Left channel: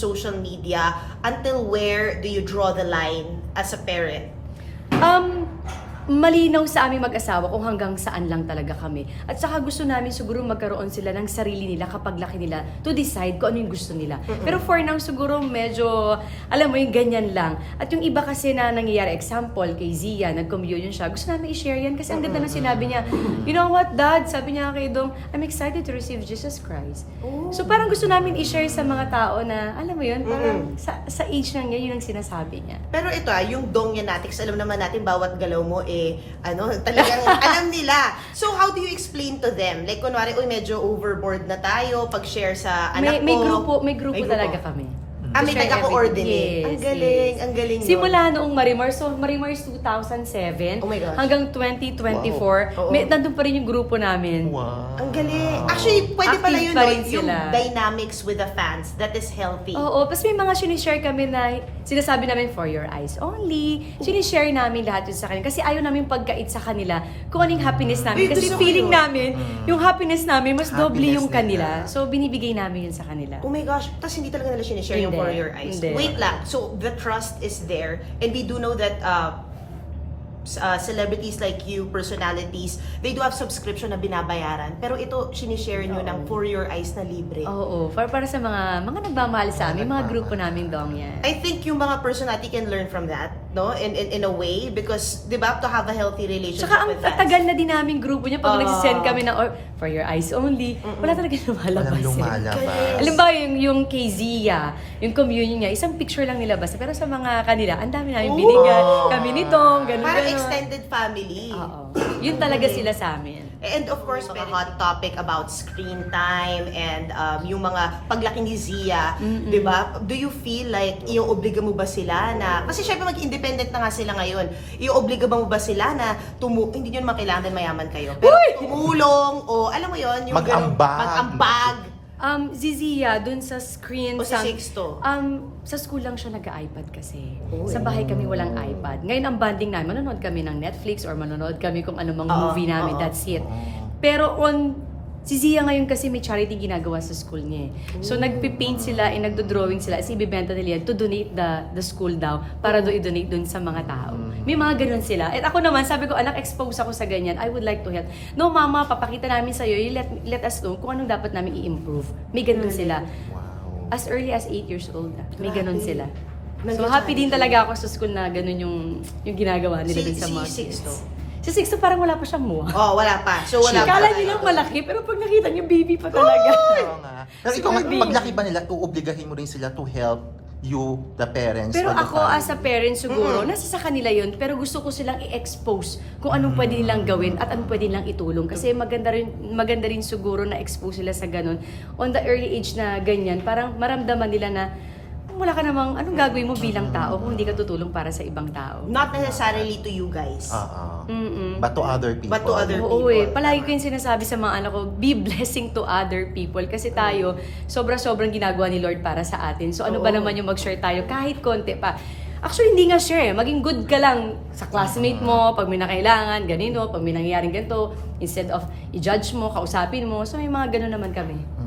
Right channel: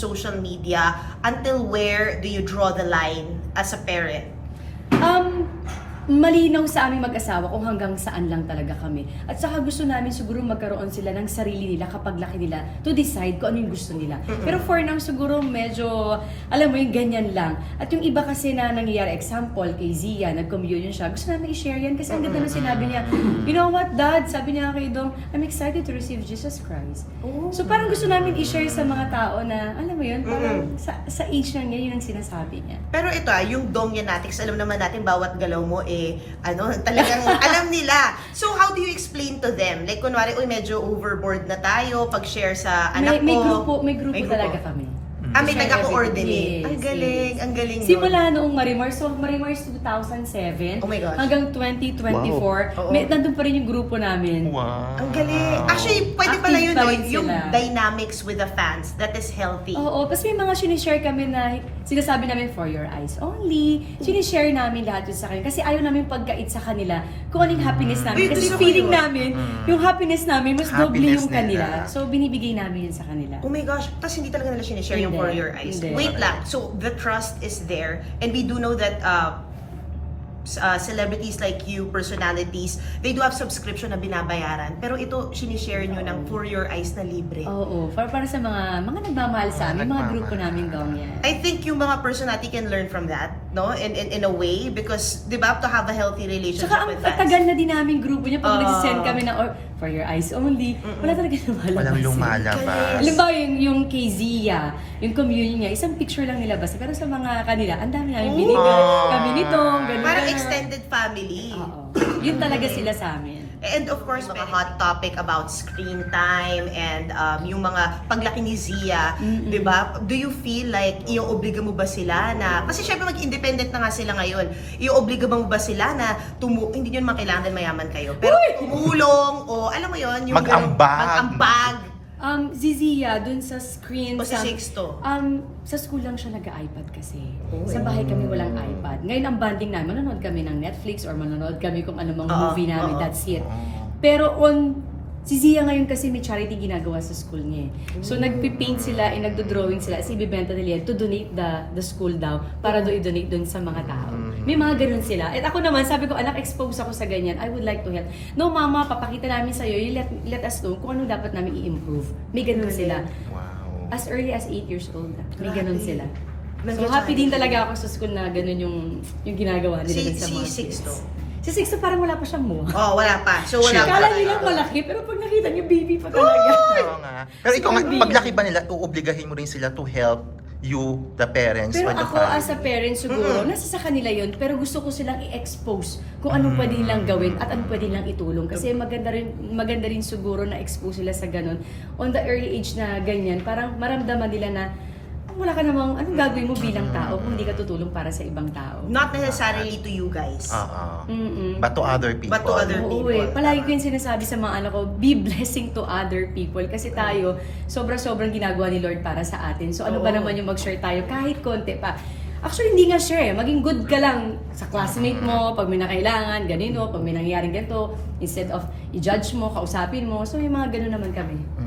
social media until where do you draw the line as a parent um malinaw sa aming mag-asawa kung hanggang saan lang talaga kami. At saka gusto namin siguro magkaroon sila ng sarili nila kapag laki nila to decide kung ano yung gusto nila. Pero for now, siguro medyo, alam mo, yung ganyan lang. At yung iba kasi na nangyayari, example, kay Zia, nag-communion siya, gusto namin i-share yan kasi ang uh ganda -huh. na sinabi niya, you know what, dad? Sabi niya kay Dong, I'm excited to receive Jesus Christ. Uh -huh. So parang gusto namin i-share sa mga tao na, alam mo yun, parang uh -huh. sa, sa age niya, yun ang sinasabi niya. Pero ito ah, yung Dong yan natin, kasi alam naman natin, bawat galaw mo eh, ano, talagang alam nila. So, how do you explain to them? Like, kunwari, uy, medyo overboard na tayo pag-share sa may, anak may, may ko. Grupo, may grupo, may talaga grupo talaga kami. Ah, so may taga-coordinate. Yes, ang galing, yes. ang galing. Yon. Simula yun. noong Marimar, so Marimar so 2007 oh my gosh. hanggang 2024, wow. Oh. Oh. may, nandun pa rin yung grupo namin. Wow. wow. Ang galing. Actually, pwede Active pala yun, pa yung sila. dynamics with the fans that is healthy. Oo, oh, tapos oh. may mga sinishare kami na sinasabi namin for your eyes only. Oh. Sinishare namin lahat yun sa kanila kasi ayaw namin pagkait sa kanila kung anong uh. happiness namin. Kasi, Ay, kasi feeling yun. namin, uh. yung happiness namin, mas doble yung na kanila. Na. So, binibigay namin yun sa kanila. Oh my gosh, tapos hindi talaga nila sinishare yung before your eyes. Hindi. Wait okay. lang. So the trust is there and we do know that uh Uh, celebrities like you, personalities, they do have subscription na binabayaran. Pero ito, sinishare oh. nyo ng For Your Eyes na libre. Oo, oh, oh. For para, sa mga mga nagmamahal sa amin, yeah, mga grupo namin daw yan. I think yung mga personality can learn from that no? In, in, in a way, because, di ba, to have a healthy relationship Saka so, ang with nice. tagal na din namin grupo niya pag uh, oh. nagsisend kami na, or, for your eyes only, mm -mm. wala talaga na malabas. Walang lumalabas. Eh. Alam ba, yung, yung KZia, yung communion niya, isang picture lang nila basta, Pero sa mga kanila, ang dami namin oh. binigyan. Kami nitong, ganun Parang extended family. Uh Oo. -oh. Yun talaga sila sa amin. And of course, may hot topic about screen time and um, yung mga paglaki ni Zia, mm-hmm. di ba? Do you feel like iyo-obliga mo ba sila na, kasi syempre mag-independent na nga sila ngayon, iyo-obliga mo ba sila na tumu- hindi nyo makilangan mayaman kayo, pero Uy! tumulong o alam mo yun, yung mag-ambag. mag-ambag. Um, si Zia, dun sa screen... O sa, si Um, sa school lang siya nag-iPad kasi. Oh, sa bahay kami walang iPad bad. Ngayon ang bonding namin, manonood kami ng Netflix or manonood kami kung anong mga movie namin, uh, uh, that's it. Uh, Pero on, si Zia ngayon kasi may charity ginagawa sa school niya. So uh, nagpipaint sila, uh, nagdo-drawing sila, si so, ibibenta nila to donate the, the school daw para do i-donate dun sa mga tao. May mga ganun sila. At ako naman, sabi ko, anak, expose ako sa ganyan. I would like to help. No, mama, papakita namin sa'yo, you let, let us know kung ano dapat namin i-improve. May ganun sila. Wow. As early as 8 years old, may ganun sila so happy siya, din talaga ako sa school na ganun yung yung ginagawa nila six, sa mga si kids. Si Sixto six, six, so parang wala pa siyang mo. Oo, oh, wala pa. So, wala Kala nilang out. malaki, pero pag nakita niya, baby pa talaga. Oo oh, no, no, no. Pero so, ikaw nga, laki ba nila, uobligahin mo rin sila to help you, the parents. Pero ako the time. as a parent siguro, mm. -hmm. nasa sa kanila yon pero gusto ko silang i-expose kung anong mm. -hmm. pwede nilang gawin at anong pwede nilang itulong. Kasi maganda rin, maganda rin siguro na expose sila sa ganun. On the early age na ganyan, parang maramdaman nila na kung wala ka namang, anong gagawin mo bilang tao kung hindi ka tutulong para sa ibang tao? Not necessarily to you guys. Uh-uh. Mm -mm. But to other people. But to other people. Oo, oo eh. Palagi ko yung sinasabi sa mga anak ko, be blessing to other people. Kasi tayo, sobra-sobrang ginagawa ni Lord para sa atin. So ano ba naman yung mag-share tayo kahit konti pa? Actually, hindi nga share eh. Maging good ka lang sa classmate mo, pag may nakailangan, ganino, pag may nangyayaring ganito. Instead of i-judge mo, kausapin mo. So may mga ganun naman kami. Mm.